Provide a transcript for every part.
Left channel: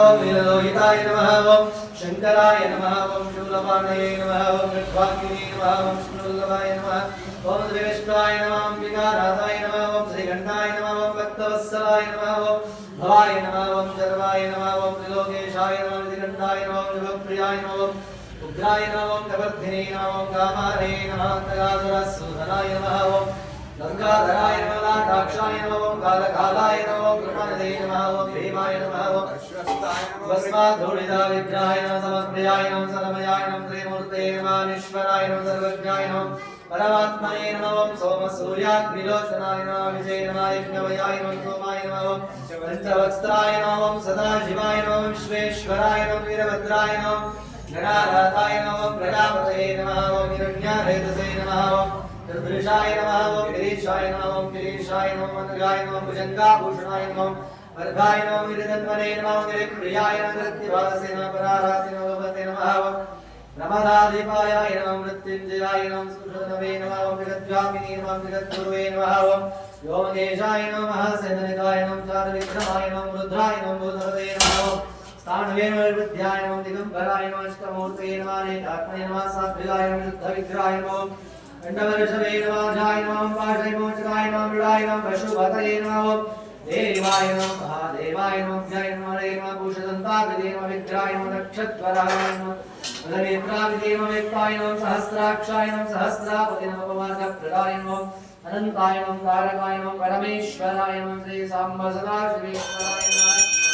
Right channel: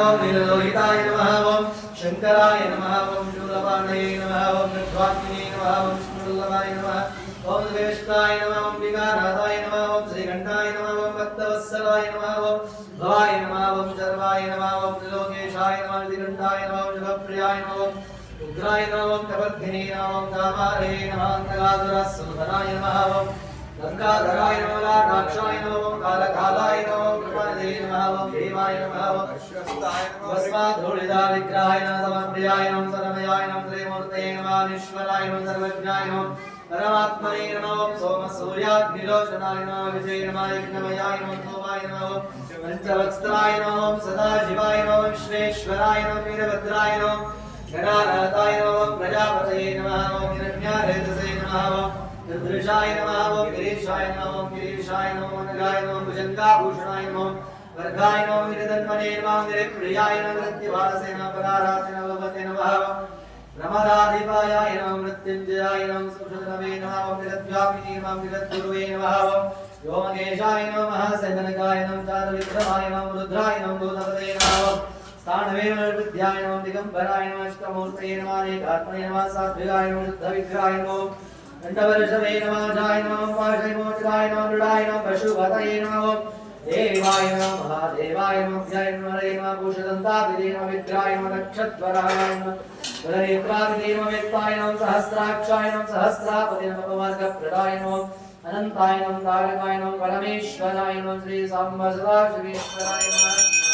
ఓం నీలలోహితాయ నమః ఓం శంకరాయ నమః ఓం శూలపాండయే నమః ఓం విద్వాగ్నే నమః ఓం విష్ణువల్లభాయ నమః ఓం శ్రేష్ఠాయ నమః ఓం వికారాదాయ నమః ఓం శ్రీకంఠాయ నమః ఓం భక్తవత్సలాయ నమః ఓం భవాయ నమః ఓం శర్వాయ నమః ఓం త్రిలోకేశాయ నమః శ్రీకంఠాయ నమః ఓం శివప్రియాయ నమః ఓం ఉగ్రాయ నమః ఓం కపర్ధినే నమః ఓం కామారే నమః అంతగాసురసూదనాయ నమః गंगाधराय नमः राक्षाय नमः कालकालाय नमः कृपानिधे नमः भीमाय नमः ओम अश्वत्थाय विग्रहाय नमः समन्वयाय नमः सनमयाय नमः त्रिमूर्ते नमः निश्वराय नमः सर्वज्ञाय नमः परमात्मने नमो सोम सूर्याग्निलोचनाय नमो विजय नमाय नमयाय नमो सोमाय नमो चन्द्रवक्त्राय नमो सदाशिवाय नमो विश्वेश्वराय नमो वीरभद्राय नमो गणाराधाय नमो प्रजापतये नमः ओम हिरण्याहेतसे त्रिपुरुषाय नमः ओम गिरीशाय नमः, ओम गिरीशाय नमः, मंदिराय नमः भुजंगाभूषणाय नमः वर्धाय नमः गिरिदत्तमने नमः, गिरिप्रियाय नमः गिरिवासे नमः, परारासे नमः भवते नमः रमदाधिपायाय नमः, मृत्युञ्जयाय नमः सुषुतनवे नमः, ओम गिरद्वामिने नमः गिरद्गुरुवे नमः, ओम योगेशाय नमः सहनकाय नमः चारुविक्रमाय नमः, रुद्राय नमः भूतपते नमः स्थानवे नमः, वृद्ध्याय नमः, दिगम्बराय नमः, अष्टमूर्तये नमः, अनेकात्मने नमः, सात्विकाय नमः, शुद्धविग्रहाय नमः दण्डवर्षवे नमः जाय नमः पाशविमोचकाय नमः मृडाय नमः पशुपतये नमः देवाय नमः महादेवाय नमः जय नमः हरे नमः भूषदन्ताभिधे नमः विद्राय नमः नक्षत्रराय नमः बलनेत्राभिधे नमः वेत्ताय नमः सहस्राक्षाय नमः सहस्रापति नमः पवर्गप्रदाय नमः अनन्ताय नमः तारकाय नमः परमेश्वराय नमः श्री साम्ब सदा शिवेश्वराय नमः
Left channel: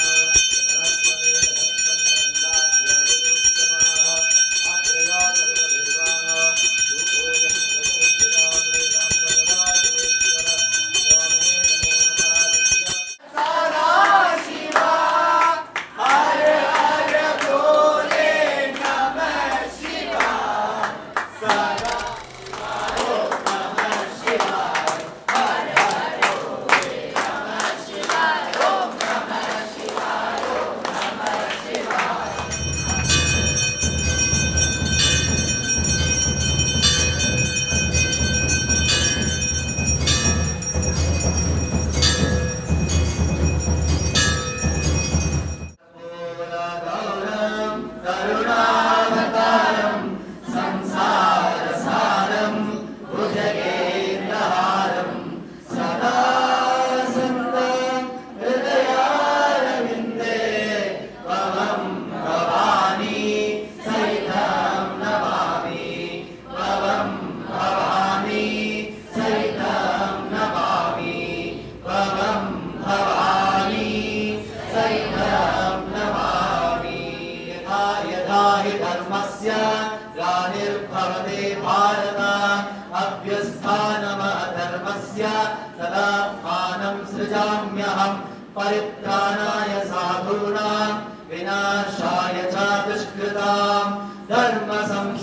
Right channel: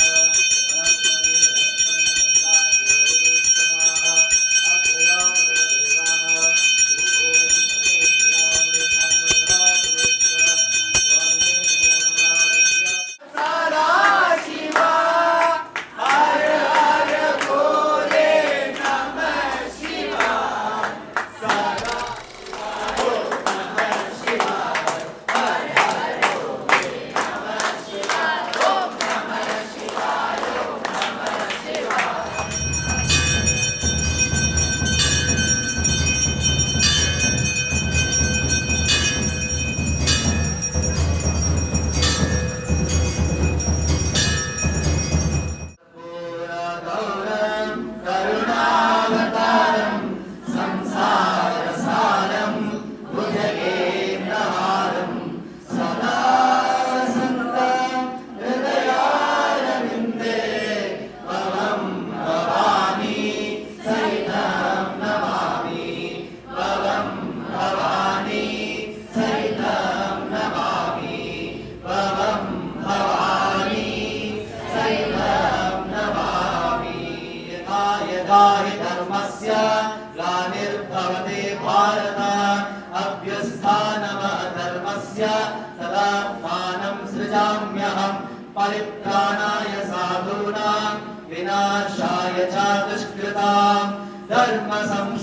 परित्राणाय साधूनां विनाशाय च दुष्कृतां धर्मसंस्थापनार्थाय